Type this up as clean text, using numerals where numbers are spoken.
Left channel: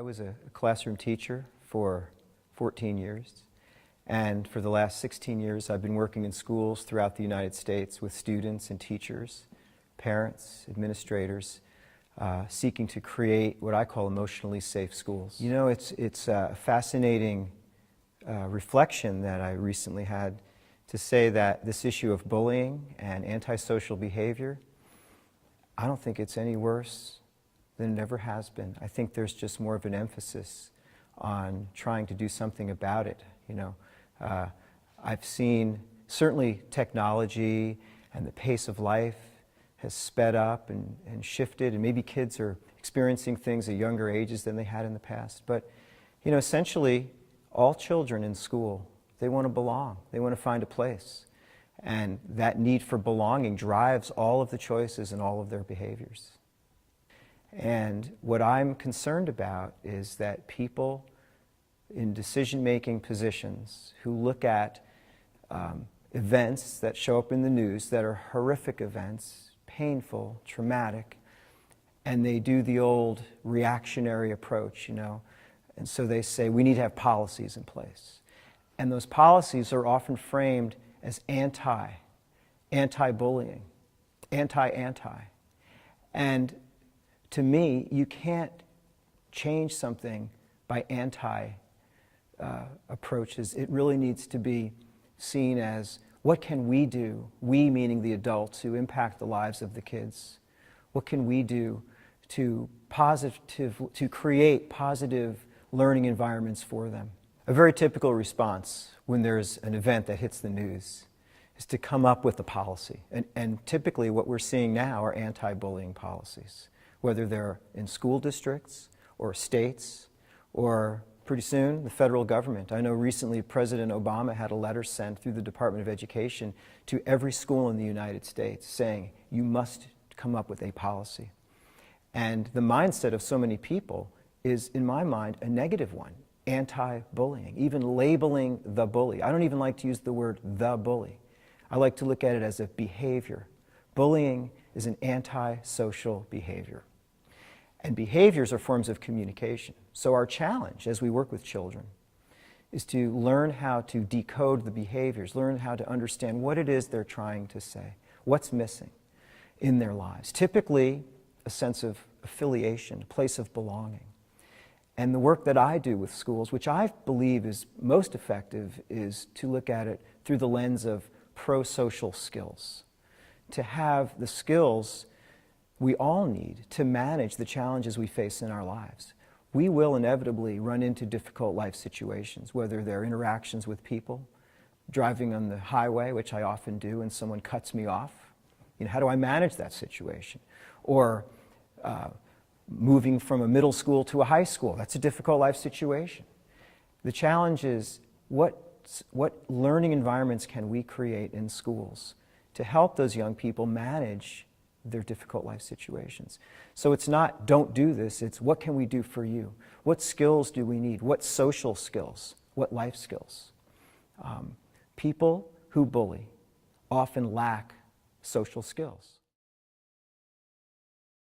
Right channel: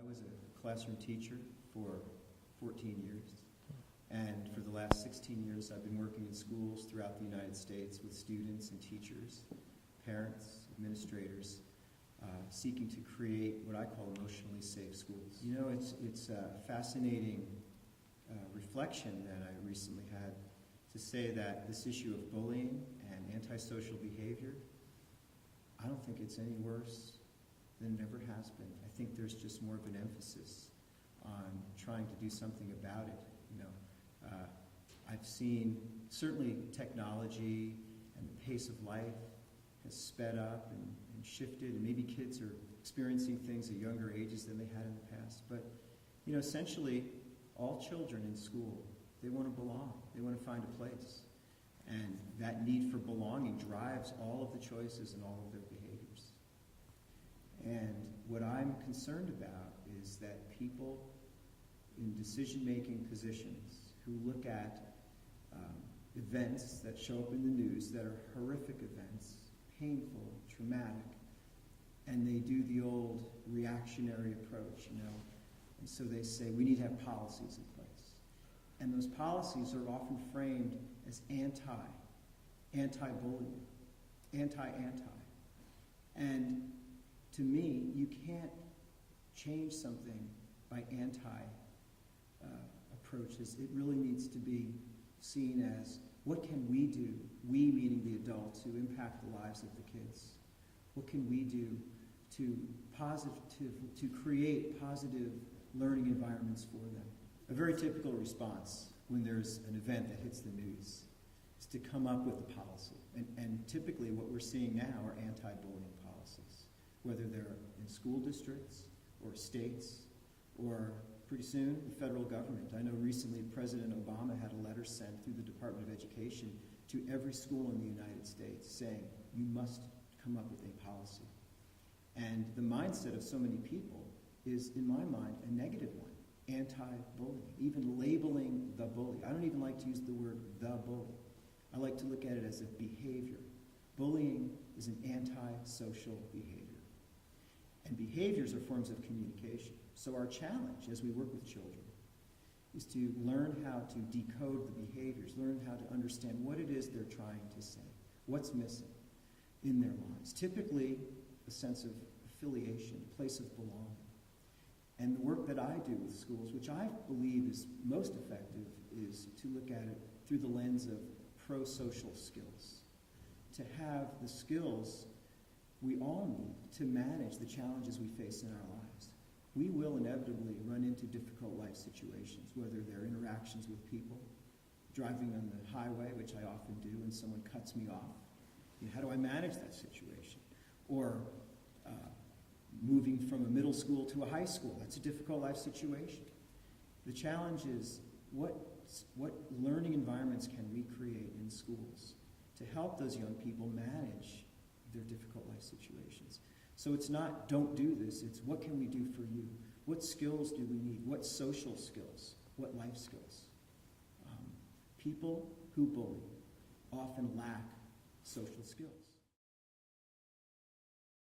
I was a classroom teacher for 14 years, and for the last 16 years I've been working in schools throughout the United States with students and teachers, parents, administrators, seeking to create what I call emotionally safe schools. You know, it's a fascinating reflection that I recently had to say that this issue of bullying and antisocial behavior, I don't think it's any worse than it ever has been. I think there's just more of an emphasis on trying to do something about it. You know, I've seen certainly technology and the pace of life has sped up and shifted, and maybe kids are experiencing things at younger ages than they had in the past. But, you know, essentially, all children in school, they want to belong. They want to find a place. And that need for belonging drives all of the choices and all of their behaviors. And what I'm concerned about is that people in decision-making positions who look at events that show up in the news that are horrific events, painful, traumatic, and they do the old reactionary approach, you know, and so they say we need to have policies in place. And those policies are often framed as anti-bullying, anti-anti. And to me, you can't change something by anti-approaches. It really needs to be seen as, what can we do, we meaning the adults, who impact the lives of the kids? What can we do to create positive learning environments for them? A very typical response when there's an event that hits the news is to come up with a policy. And typically what we're seeing now are anti-bullying policies, whether they're in school districts or states or pretty soon the federal government. I know recently President Obama had a letter sent through the Department of Education to every school in the United States saying, you must come up with a policy. And the mindset of so many people is, in my mind, a negative one, anti-bullying, even labeling the bully. I don't even like to use the word the bully. I like to look at it as a behavior. Bullying is an anti-social behavior. And behaviors are forms of communication. So our challenge as we work with children is to learn how to decode the behaviors, learn how to understand what it is they're trying to say, what's missing in their lives. Typically, a sense of affiliation, a place of belonging. And the work that I do with schools, which I believe is most effective, is to look at it through the lens of pro-social skills, to have the skills we all need to manage the challenges we face in our lives. We will inevitably run into difficult life situations, whether they're interactions with people, driving on the highway, which I often do, and someone cuts me off. You know, how do I manage that situation? Or moving from a middle school to a high school. That's a difficult life situation. The challenge is, what learning environments can we create in schools to help those young people manage their difficult life situations? So it's not, don't do this, it's what can we do for you? What skills do we need? What social skills? What life skills? People who bully often lack social skills.